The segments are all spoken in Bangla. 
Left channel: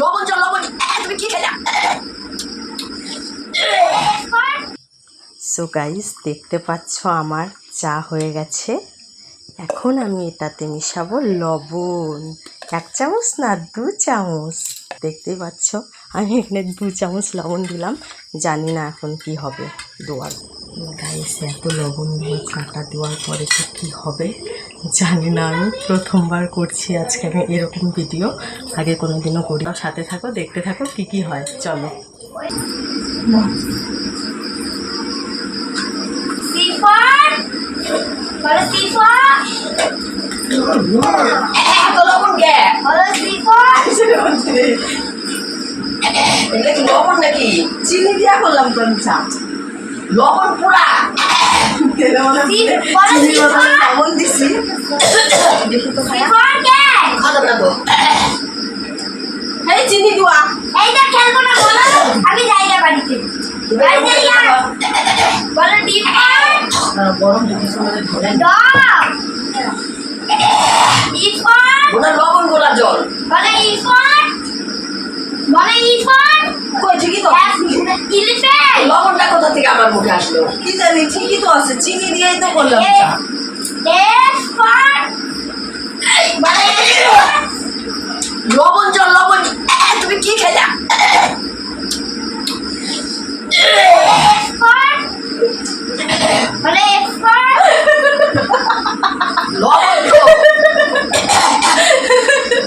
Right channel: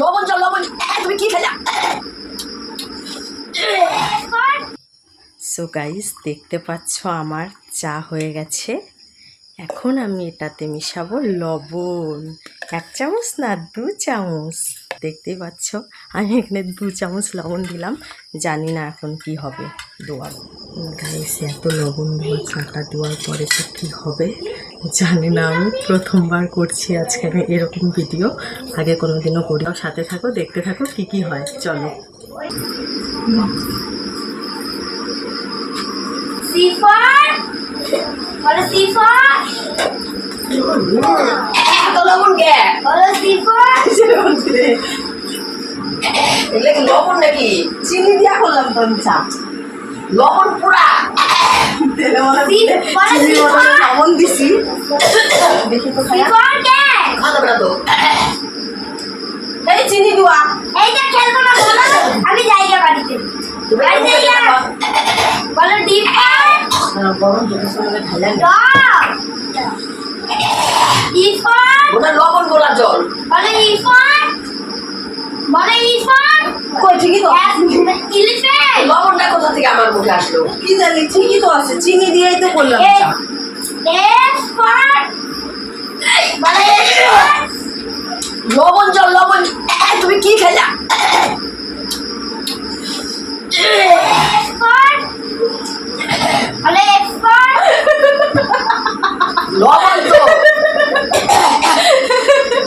লবণ চল লবণ। তুমি কি সো গাইস দেখতে পাচ্ছ আমার চা হয়ে গেছে। এখন আমি এটাতে মিশাবো লবণ। এক চামচ না, দু চামচ। দেখতেই পাচ্ছ, আমি এখানে দু চামচ লবণ দিলাম। জানি না এখন কি হবে দোয়ার গাইস এত লবণ দেওয়া চাটা দেওয়ার পরে তো কী হবে? জানি না আমি প্রথমবার করছি আজকে আমি এরকম ভিডিও আগে কোনো দিনও করি সাথে থাকো দেখতে থাকো কি কি হয়। চলো। লবণ নাকি? চিনি দিয়া করলাম তো আমি চা। লবণ মনে। বদলে লবণ দিছি। দেখি তো এই চিনি দুয়া খেলব না বলো। আমি জায়গা বাড়িতে? বলো গরম ওটা লবণ গোলা জল। বলো ইফার বলো ইফার কই ঠিকই তো। আমার মুখে আসলো। কি জানি ঠিকই তো আছে চিনি দিয়েই তো করলাম। চা লবণ জল লবণ। তুমি কি খেলা? লবণ তো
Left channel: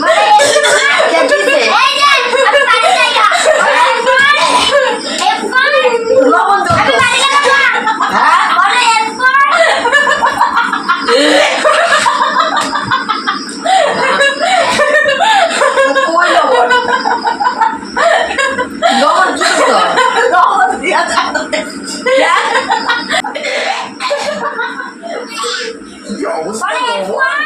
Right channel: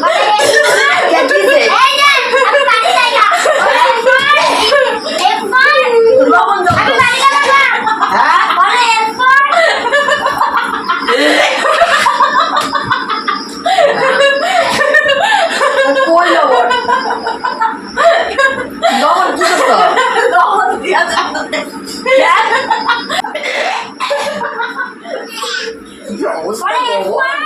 বলো এফার কে দিছে? এই যে আমি বাড়ি যাই না এফার এফার লবণ জল আমি তো বাড়ি যাব না হ্যাঁ বলো এফার কই লবণ লবণ কি করতো লবণ দিয়া চা কি অবস্থা বলো লবণ? এফার